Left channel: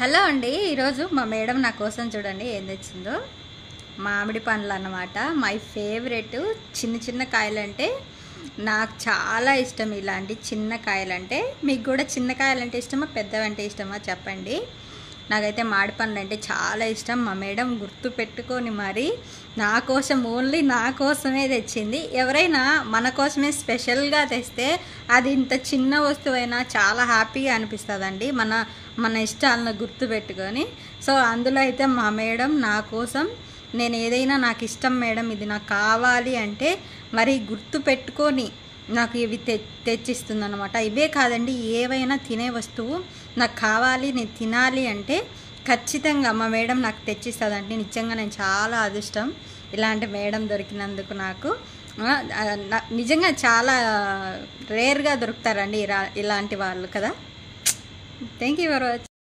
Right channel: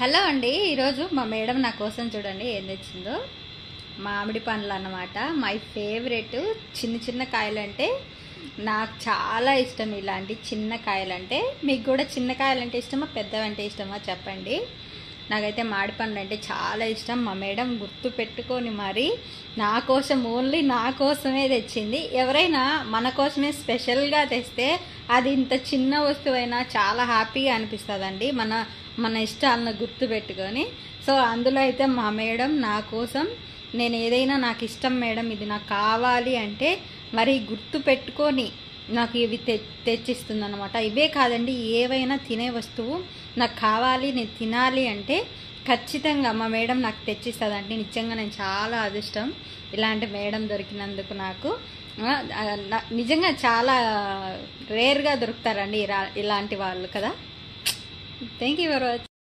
Hello అండి, ఈరోజు మా మేడం నా కోసం చూడండి ఏం తెచ్చిందో. మామిడి పండ్లు అన్నమాట. My favourite. చిన్న చిన్న కాయలంటే నాకు చాలా ఇష్టం. ఇలాంటి చిన్న కాయలంటే మీకు కూడా చిన్న కాయలంటే ఇష్టమా పెద్దవంటే ఇష్టమా చెప్పండి. నాకైతే మామిడి పండ్లు అంటే చాలా ఇష్టం. మా మేడం గుర్తు పెట్టుకొని మరి నా కోసం, ఓన్లీ నా కోసమే తెచ్చింది. ఎవరైనా మన కోసమే స్పెషల్గా తెస్తే అది ఇంత చిన్న వస్తువైనా చాలా హ్యాపీగా అనిపిస్తుందండి. మన ఇష్టాలను గుర్తు పెట్టుకొని. సో అందులో అయితే మా మేడం నా కోసం, నేను ఏదైనా నాకు ఇష్టం మేడం ఇది నాకు కావాలి అంటే మరి గుర్తు పెట్టుకొని నాకు ఇవి తెచ్చిస్తుంది అనమాట. ఇవే కాదండి, ఏవైనా తినే వస్తువు నాకు కావాలి నేను తినాలి అంటే ఖచ్చితంగా మా మేడం నాకు తెచ్చిస్తుందండి. నిజంగా నేను చాలా అదృష్టం ఇలాంటి మేడం దొరికినందుకు. నాకు నిజంగా చాలా రేర్గా దొరుకుతారండి ఇలాంటి వాళ్ళు కదా. Thank you for watching.